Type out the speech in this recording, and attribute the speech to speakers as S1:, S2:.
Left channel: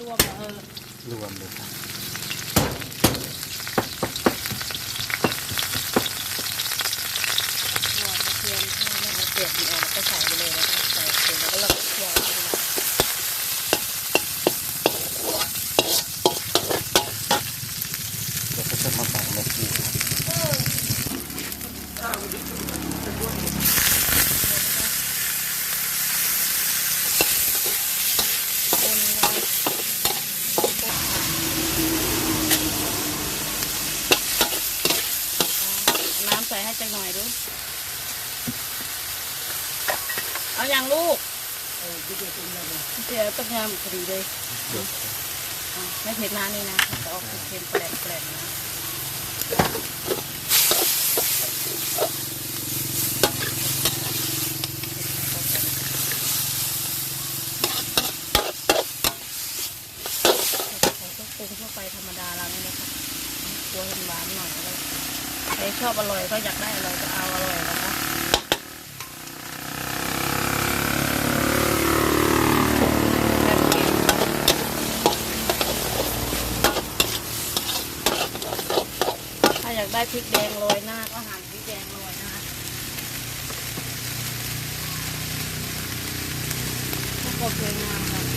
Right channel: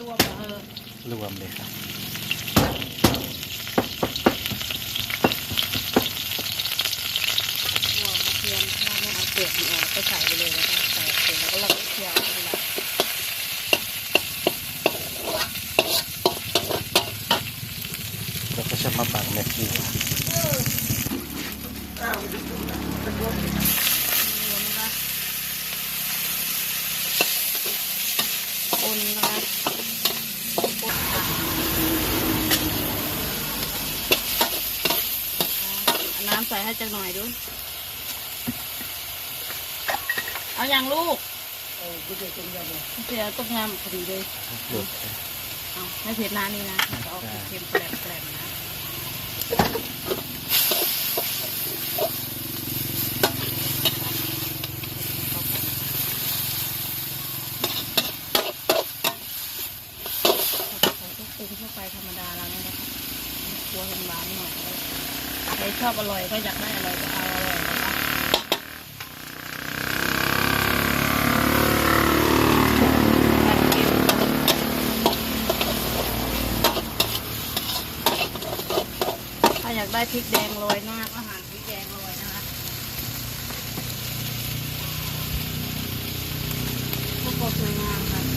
S1: รวมเลยครับ
S2: หัวกระเทียมถ้าไม่เอาเปลือกมันออกก็ใส่ไปเลยนะคะใส่เสร็จแล้วก็เราก็เคี่ยวให้ละ
S1: แล้วก็จะมาปักเม็ดอีก
S2: นะคะเอา น้ำใส่ให้จักหน่อยดู เอาอย่างลูกเสียต้มยำพอดีเลย
S1: เดือด
S2: อะไม่เผ็ดน้ำนี่นะจะออกเค็มแปลกๆนะใส่ก็ปรุงเข้าไปธรรมดาแล้วนะคะตัวเห็นหวานหน่อยเลย ใครชอบอร่อยก็อยากได้อร่อยก็เอาอร่อยนะคะถ้าอยากได้พริกแดงโรยหน้าก็หั่นพริกแดงโรยนะคะถ้าก็สวยงามค่ะ